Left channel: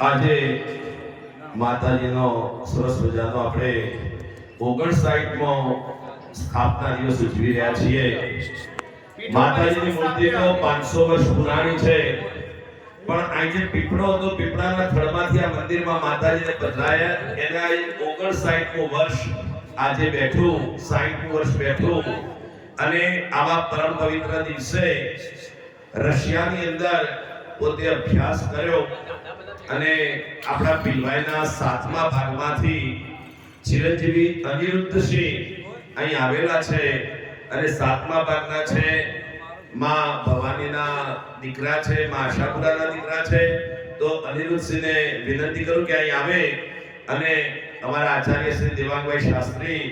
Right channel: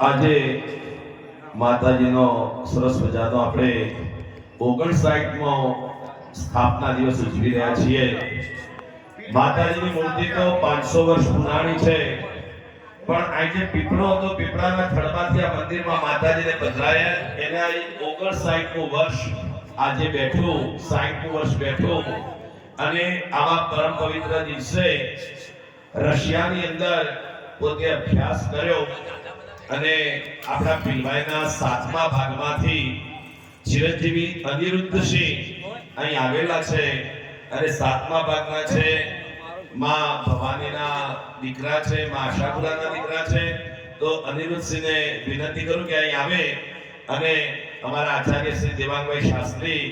આજે માતાજીનો સરસ મજાનો આપણે 59મો સ્થાપના દિવસ ઉજવી રહ્યા છીએ। માતાજીની મૂર્તિ તો 500 વર્ષ પુરાણી છે, પણ આજે પીપળો હતો, પીપળાના થડમાંથી આ મંદિરમાં માતાજીને પધરાયા, એના 59મું વર્ષ આજે બેઠું, 60મું વર્ષ બેઠું। અને આવા પરમ પવિત્ર દિવસે રશિયાની અંદર પોતે અભ્યાસ કર્યો અને આપણા પીલવાઈના 7મા ભાગમાંથી ચિરંજીવી અનિરુદ્ધસિંહ અહીં આવેલા છે અને 7મા ભાગના છે, માં ભવાનીના દીકરા છે, માં આશાપુરાના દીકરા છે। તો અનિરુદ્ધસિંહને વિનંતી કરું કે અહીં આવે અને અમારા આચાર્ય શ્રી દેવાંગભાઈ શાસ્ત્રી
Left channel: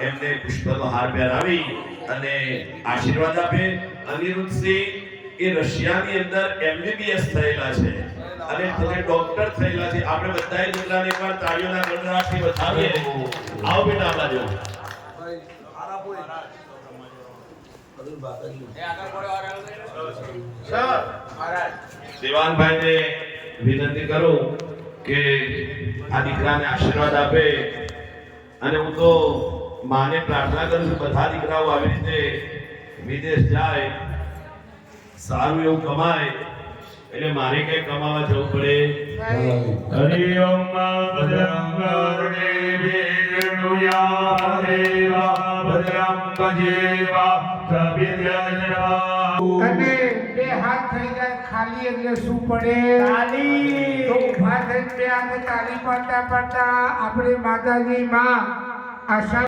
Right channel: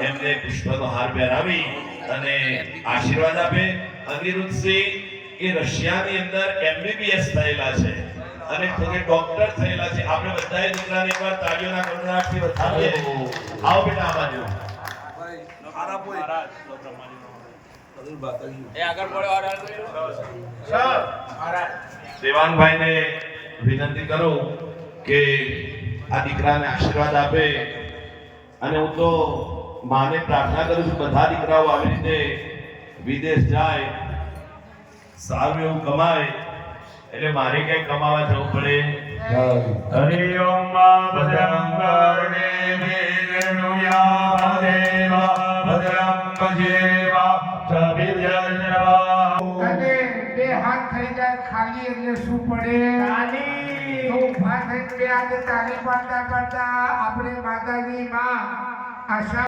એમને પુષ્પનો હાર પહેરાવી અને આશીર્વાદ આપે। અનિરુદ્ધસિંહ એ રશિયાની અંદર MBBS થયેલા છે અને પોતે ડોક્ટર થયેલા છે। આપણે બધાએ દીકરાને એકવાર તાળીઓના ગણગણાટથી વધાવીએ। આવો બેટા આ બાજુ। દેવાનભાઈને વિનંતી કરું કે આ દીકરાને આશીર્વાદ આપે અને હું તો માને પ્રાર્થના કરું છું બધા દીકરાઓ આવી રીતે વિદેશ જાય, સારું એવું કમાય, એટલે મારે ક્યાંય કમાવા જવું પડે। હરિ ઓમ ભદ્રં કર્ણેભિર્નુયા દેવા ભદ્રં ભજેવા સવિદ્યાયા। અને બે હાથ થઈ જાય ખાલી એટલે શું પડે? તાળી। તો ઉભા થઈને બે હાથ તાળી પાડતા પાડતા આપણે માતાજી માં આશા